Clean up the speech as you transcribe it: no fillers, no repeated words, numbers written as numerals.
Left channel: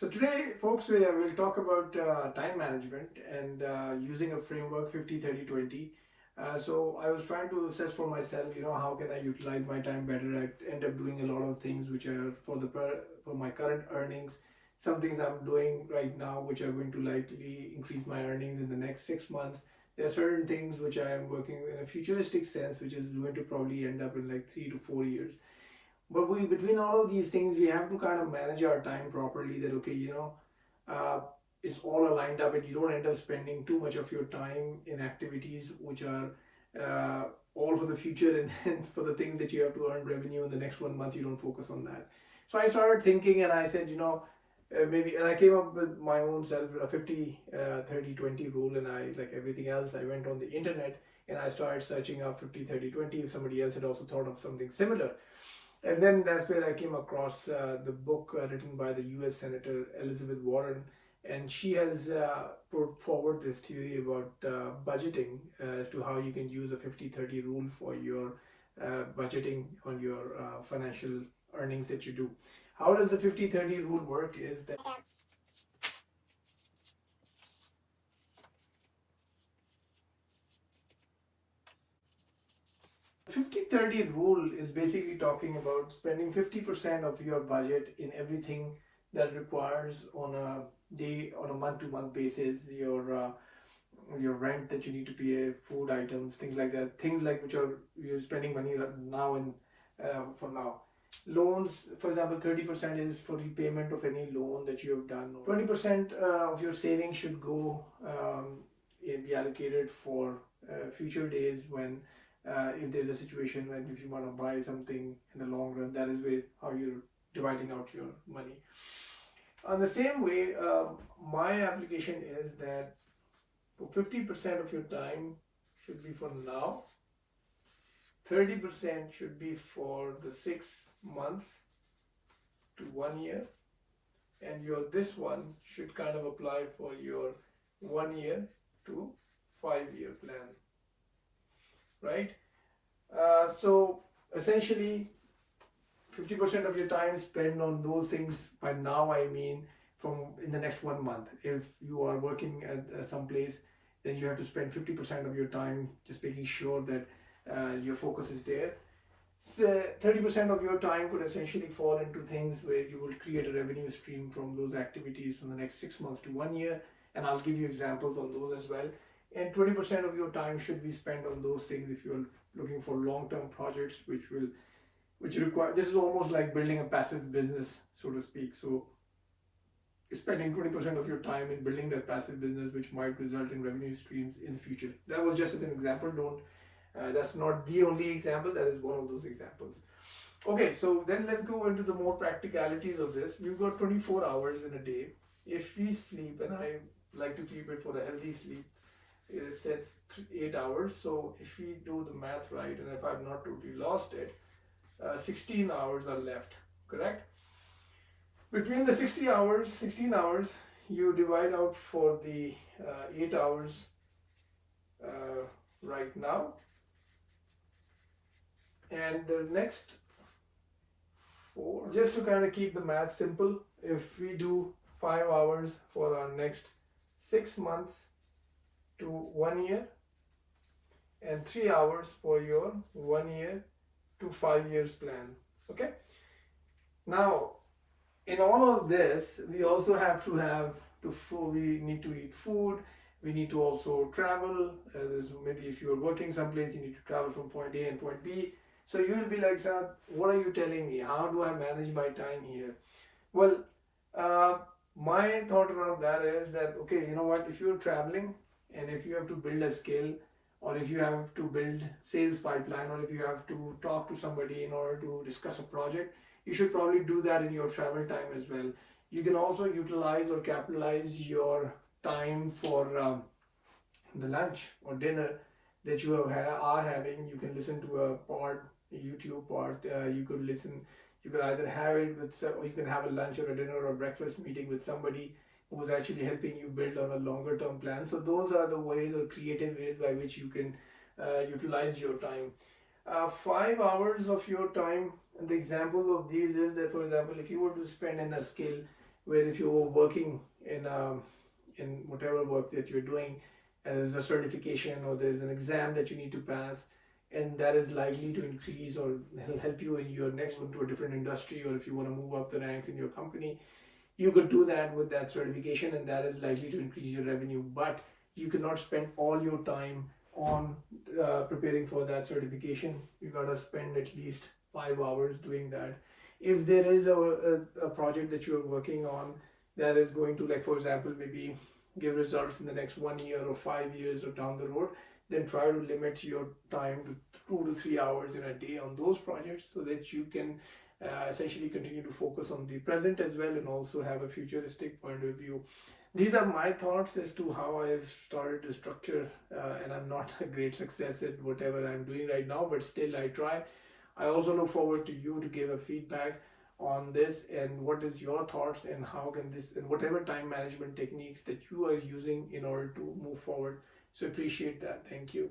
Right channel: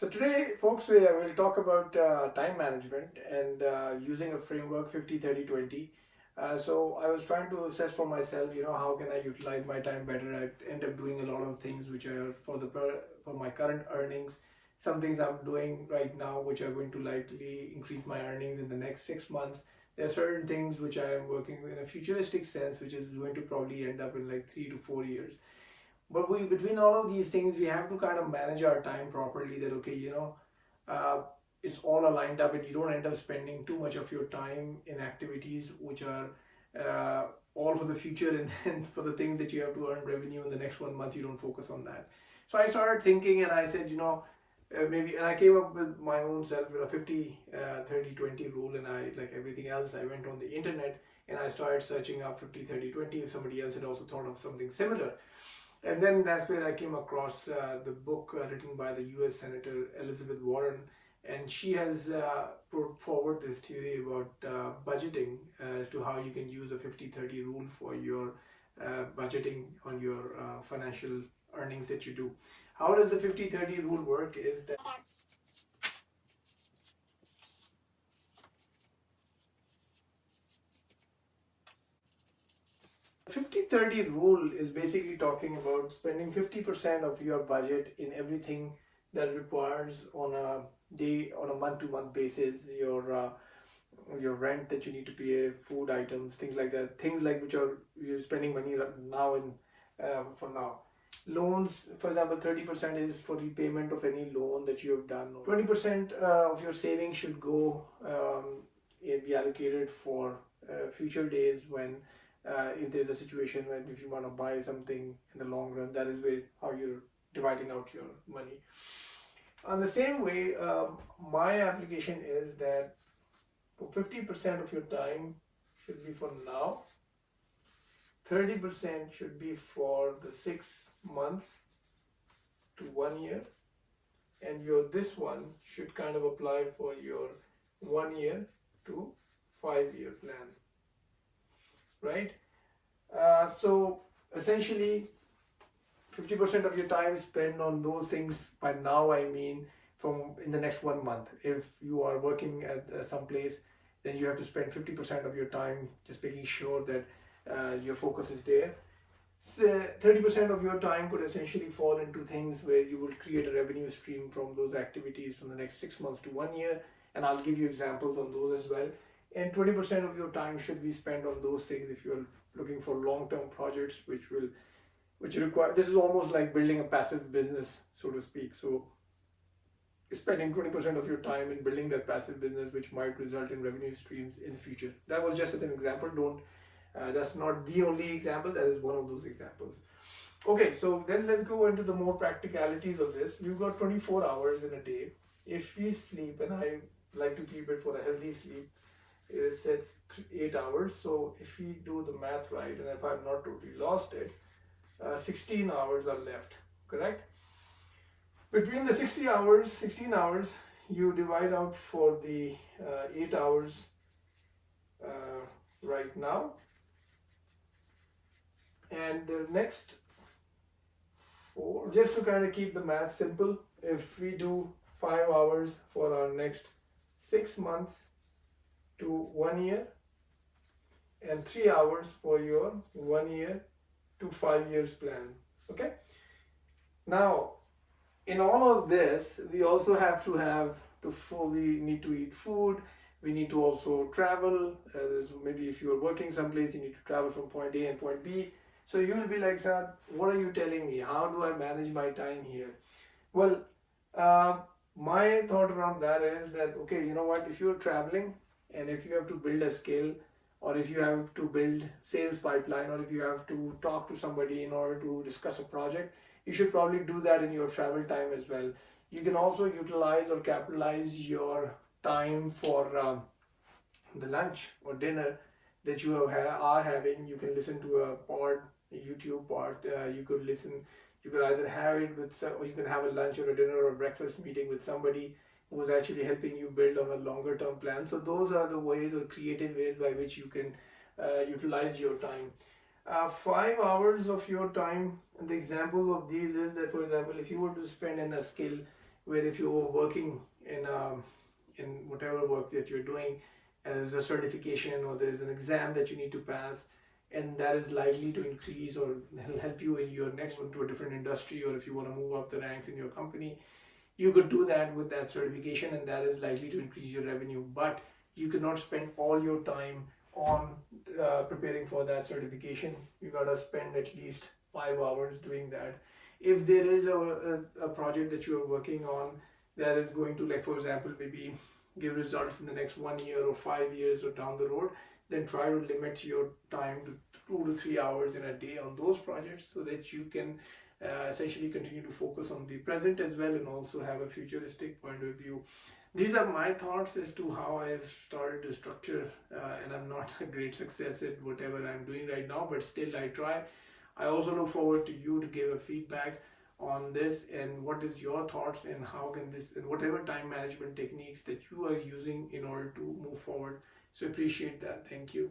So today, folks, we'll talk about time management and using a framework 50-30-20. So I was trying to assess for myself, how can I utilize my time better? I end up doing a lot of things which are for my current earnings. Some things I'm doing right now which are going to likely increase my earnings in the next 6 months. There are certain things which I am working in a futuristic sense, which is going to probably end up in like 3 to 4 years. But between all of these things, we have to kind of manage our time properly. That okay, uh, it's all aligned up, and you don't end up spending too much of your time in activities which are all for the future, and then for the things that you have to earn revenue in the next 1 month, you don't focus on that. So I started thinking, and I said, maybe, and I came up with my own self a 50-30-20 rule, and I, like everything else, I went on the internet and I started searching up 50-30-20. If somebody else had also thought of something similar. And then that's where I came across the book written by the US Senator Elizabeth Warren. And she has put forward this theory about budgeting as to how you can use a 50-30 rule for your budgeting on your financial earnings that you do. How does the 50-30 rule work is that 50-30 rule is basically talking about spending 50% of your budget in everything that requires on a day, on a month-to-month basis, your rent that you need to pay, food items, things like that, things like which are you're spending money now and for now. Loans, for example, 30% is for repayment of any loan that you have done. 20% of your savings should go be allocated for future days when if there's a situation when if you want to buy something in the long run, that is where how you're dividing out your money. On the same way, my application is that for 50% of your time should be for now, 30% should be for the 6 months to 1 year, and your this one should kind of apply for your 1 year to 5 year plan, right? So essentially 50% of your time spent on those things. By now I mean from in the next 1 month. If you are working at some place, then you have to spend 50% of your time just making sure that your focus is there. So 30% of your time could essentially fall into things where you will create a revenue stream from those activities from the next 6 months to 1 year, and I'll give you examples on those as well. And 20% of your time should be spent on those things if you're looking for long-term projects which require, this is almost like building a passive business, so to speak. So spending 20% of your time in building that passive business which might result in revenue streams in the future. That was just as an example. Don't that's not the only example, that is one of those examples. Okay, so then let's go into the more practicalities of this. You've got 24 hours in a day. If we sleep, and I like to keep it for a healthy sleep, it says 8 hours. So if we do the math right, and if I've not totally lost it, 16 hours are left, correct? Between the 16 hours, you divide out for the 8 hours right now, and the next 4, just to kind of keep the math simple, if we do 5 hours for our next 6 months to 1 year, and 3 hours for your 1 year to 5 years plan. Okay, now in all of this, we also have to we need to eat food, we need to also travel. Maybe if you're working someplace, you need to travel from point A and point B. So you'll be like, Saad, what are you telling me? How do I manage my time here? Well, my thought around that is that, okay, you know what, if you're traveling and if you have to build a skill, or if you have to build sales pipeline, or if you have to talk to somebody in order to discuss a project, you should probably do that in your travel time as well. You can also utilize or capitalize your time for the lunch or dinner that you are having. You can listen to a YouTube pod. You could either have it with, or you can have a lunch or a dinner or a breakfast meeting with somebody who's actually helping you build on a longer term plan. So those are the ways or creative ways by which you can utilize your time. 5 hours of your time, and the example of these is that, for example, if you were to spend in a skill where if you were working in whatever work that you're doing, and there's a certification or there's an exam that you need to pass, and that is likely to increase or help you in your next one to a different industry, or if you want to move up the ranks in your company, you could do that with that certification, and that is likely to increase your revenue. But you cannot spend all your time on preparing for that certification. You gotta spend at least 5 hours doing that. If there is a project that you are working on that is going to, like for example, maybe give results in the next 1 year or 5 years or down the road, then try to limit your time to 2 to 3 hours in a day on those projects, so that you can essentially continue to focus on the present as well, and also have a futuristic point of view. These are my thoughts as to how I've started to structure, and I'm not a great success at whatever I'm doing right now, but still I try. I also look forward to you to give a feedback on this, and what is your thoughts, and how can this, and whatever time management techniques that you are using in order to move forward. So appreciate that. Thank you.